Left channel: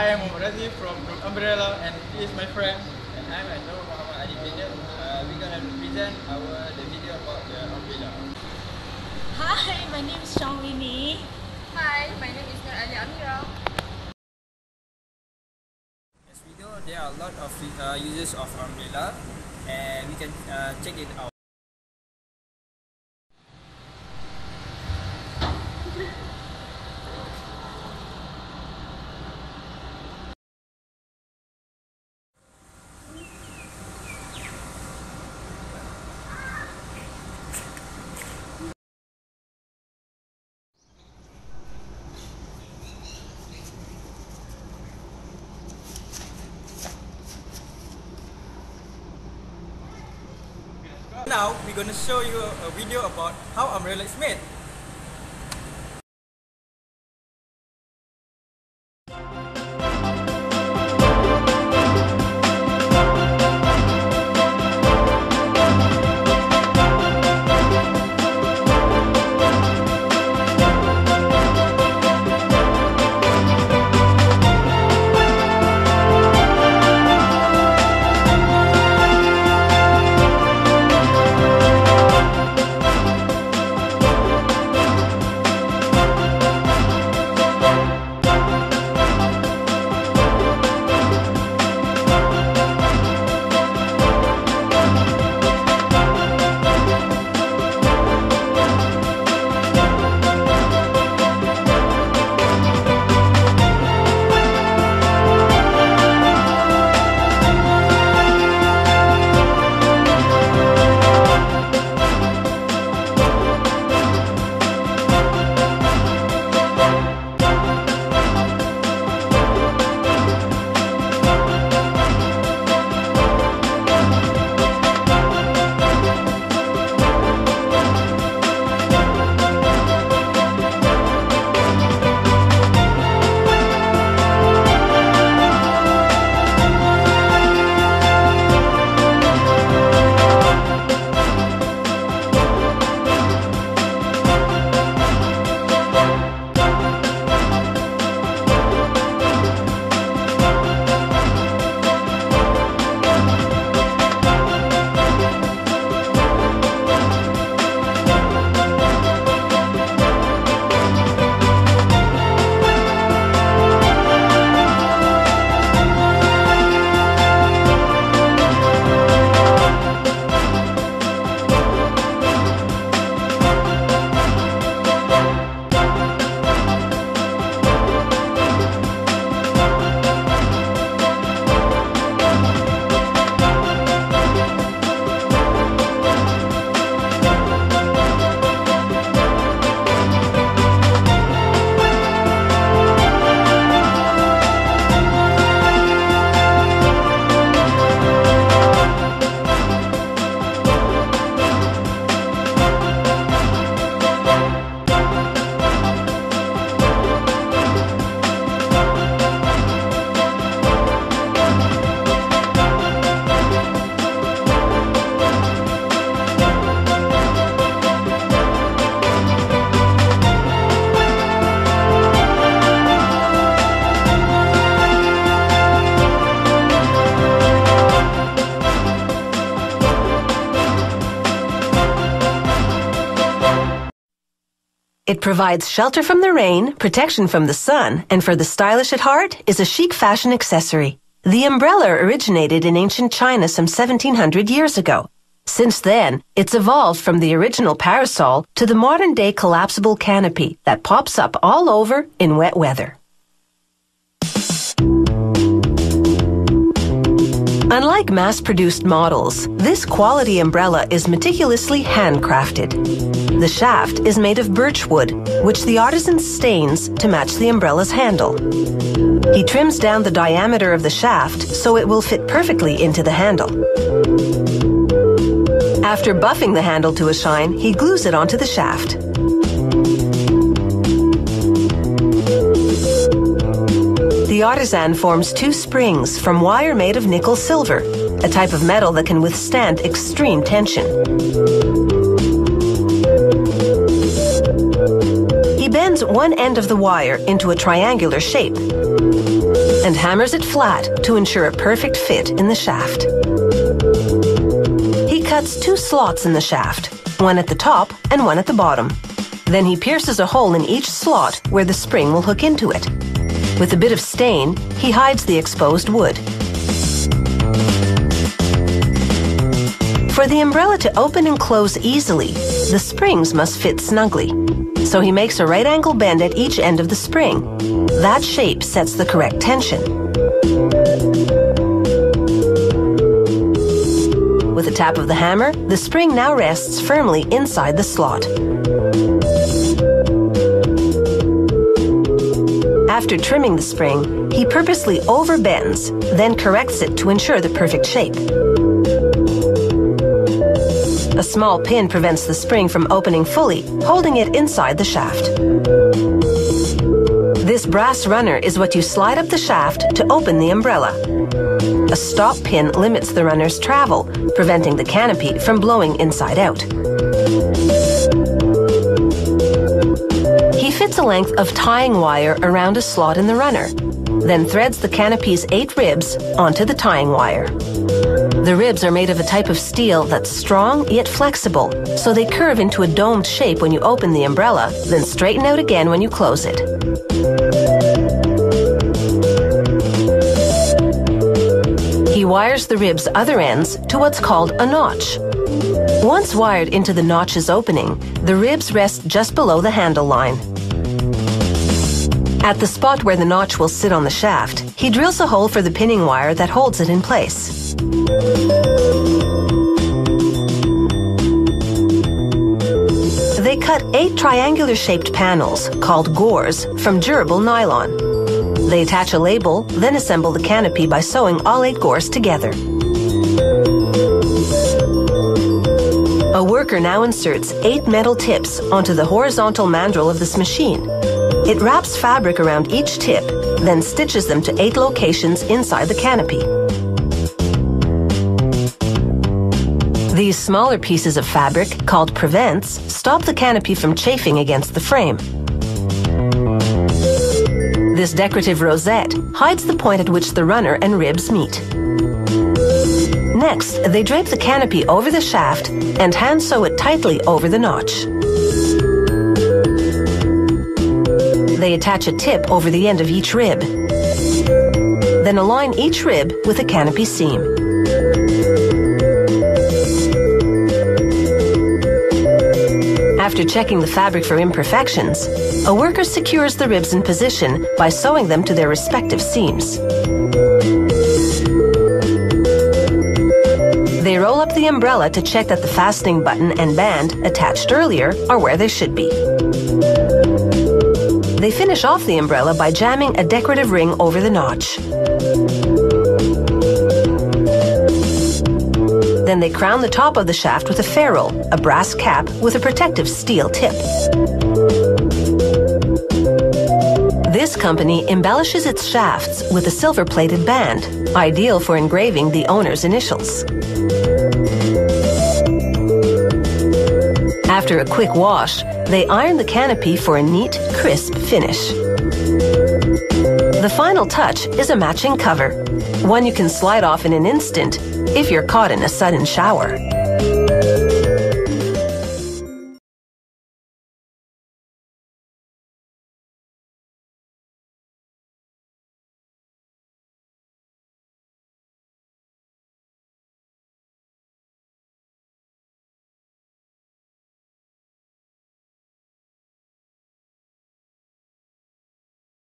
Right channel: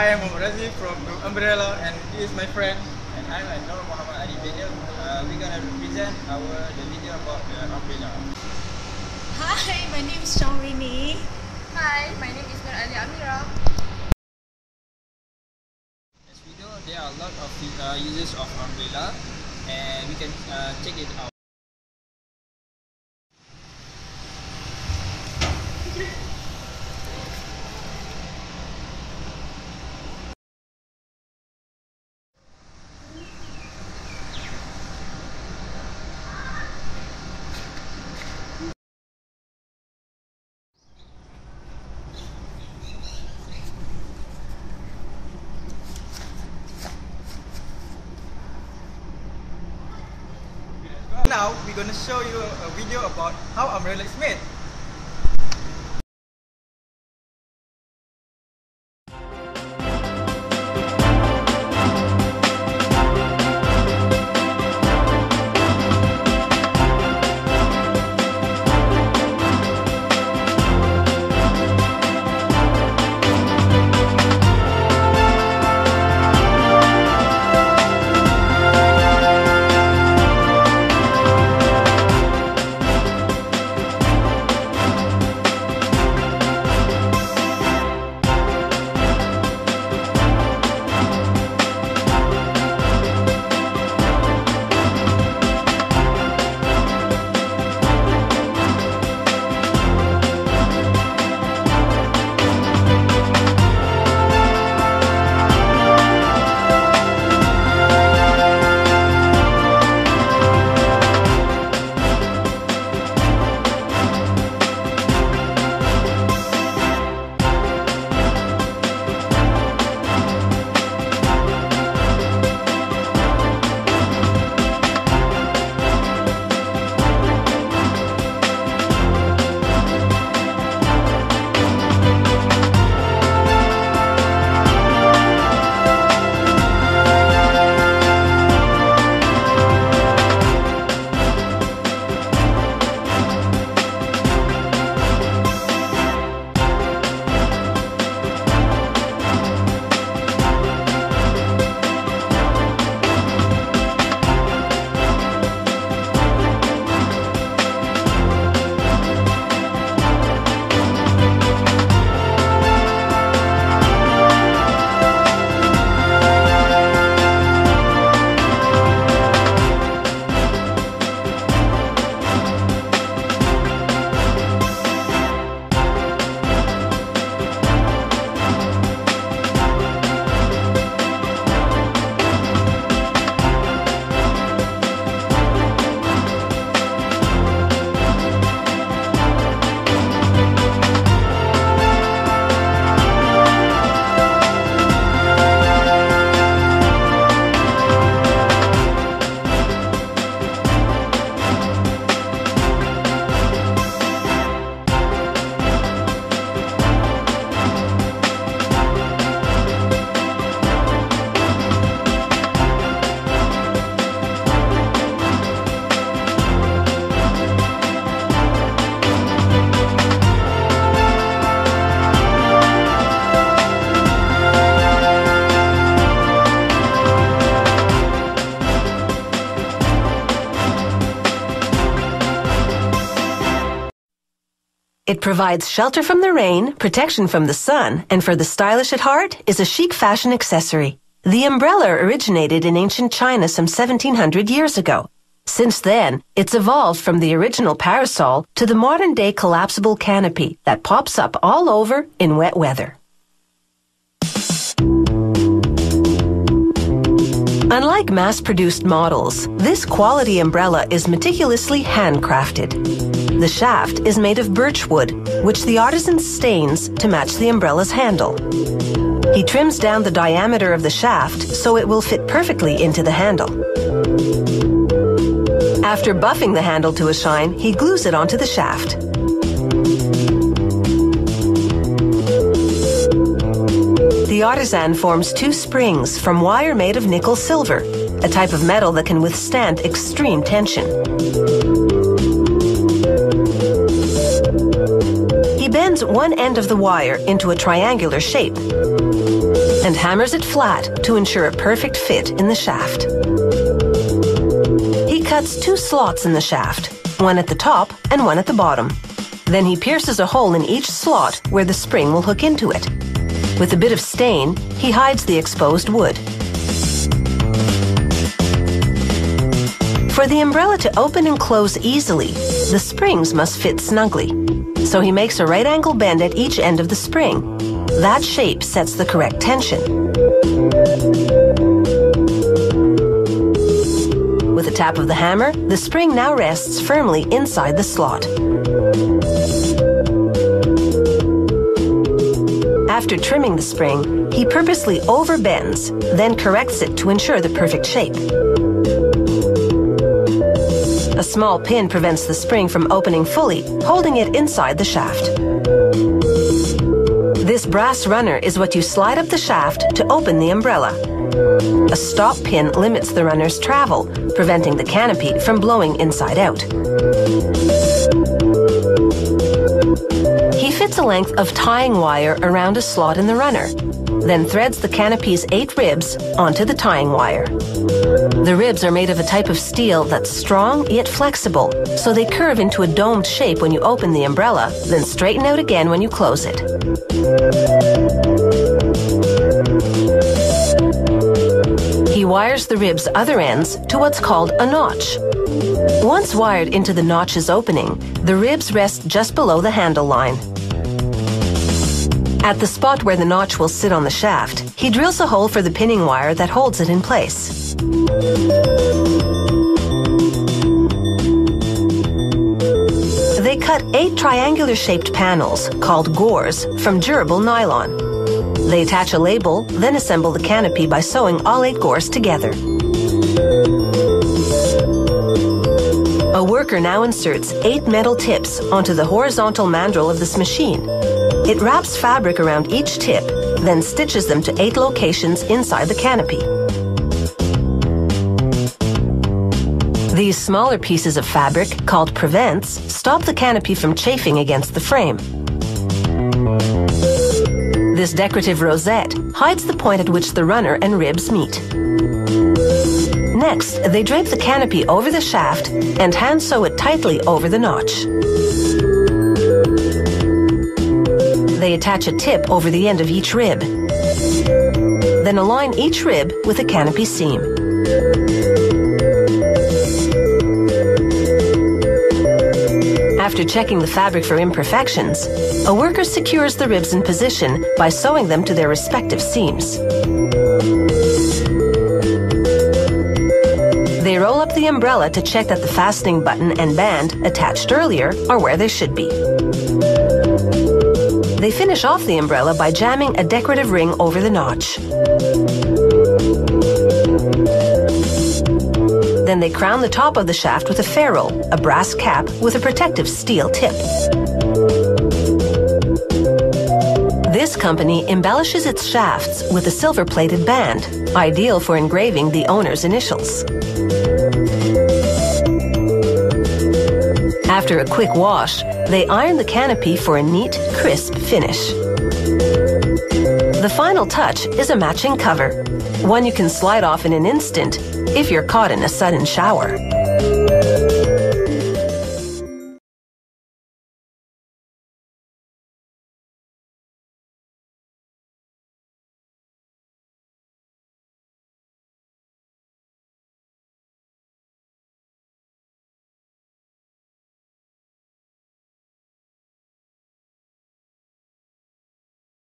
I am Razi from Group Umbrella, and he is my friend. And I'm Nur Muhammad Ali Video. We're gonna represent the video about the umbrella. Hi, my name is Shangrini. Hi, my name is Nur Ali Amira. In this video, there are a lot of uses of umbrella, and we can check it out. Now we're gonna show you a video about how umbrella is made. It provides shelter from the rain, protection from the sun, and for the stylish at heart, is a chic fashion accessory. The umbrella originated in ancient China some 1700 years ago. Since then, it's evolved from the original parasol to the modern-day collapsible canopy that pops up all over in wet weather. Unlike mass-produced models, this quality umbrella is meticulously handcrafted. The shaft is made of birch wood, which the artisan stains to match the umbrella's handle. He trims down the diameter of the shaft so it will fit perfectly into the handle. After buffing the handle to a shine, he glues it onto the shaft. The artisan forms two springs from wire made of nickel silver, a type of metal that can withstand extreme tension. He bends one end of the wire into a triangular shape. and hammers it flat to ensure a perfect fit in the shaft. He cuts 2 slots in the shaft, one at the top and one at the bottom. Then he pierces a hole in each slot where the spring will hook into it. With a bit of stain, he hides the exposed wood. For the umbrella to open and close easily, the springs must fit snugly. So he makes a right-angle bend at each end of the spring. That shape sets the correct tension. With a tap of the hammer, the spring now rests firmly inside the slot. After trimming the spring, he purposely overbends, then corrects it to ensure the perfect shape. A small pin prevents the spring from opening fully, holding it inside the shaft. This brass runner is what you slide up the shaft to open the umbrella. A stop pin limits the runner's travel, preventing the canopy from blowing inside out. He fits a length of tying wire around a slot in the runner, then threads the canopy's 8 ribs onto the tying wire. The ribs are made of a type of steel that's strong yet flexible, so they curve into a domed shape when you open the umbrella, then straighten out again when you close it. He wires the rib's other ends to what's called a notch. Once wired into the notch's opening, the ribs rest just below the handle line. At the spot where the notch will sit on the shaft, he drills a hole for the pinning wire that holds it in place. They cut 8 triangular-shaped panels, called gores, from durable nylon. They attach a label, then assemble the canopy by sewing all 8 gores together. A worker now inserts 8 metal tips onto the horizontal mandrel of this machine. It wraps fabric around each tip, then stitches them to 8 locations inside the canopy. These smaller pieces of fabric, called prevents, stop the canopy from chafing against the frame. This decorative rosette hides the point at which the runner and ribs meet. Next, they drape the canopy over the shaft and hand sew it tightly over the notch. They attach a tip over the end of each rib. Then align each rib with a canopy seam. After checking the fabric for imperfections, a worker secures the ribs in position by sewing them to their respective seams. They roll up the umbrella to check that the fastening button and band attached earlier are where they should be. They finish off the umbrella by jamming a decorative ring over the notch. Then they crown the top of the shaft with a ferrule, a brass cap with a protective steel tip. This company embellishes its shafts with a silver-plated band, ideal for engraving the owner's initials. After a quick wash, they iron the canopy for a neat, crisp finish. The final touch is a matching cover, one you can slide off in an instant if you're caught in a sudden shower.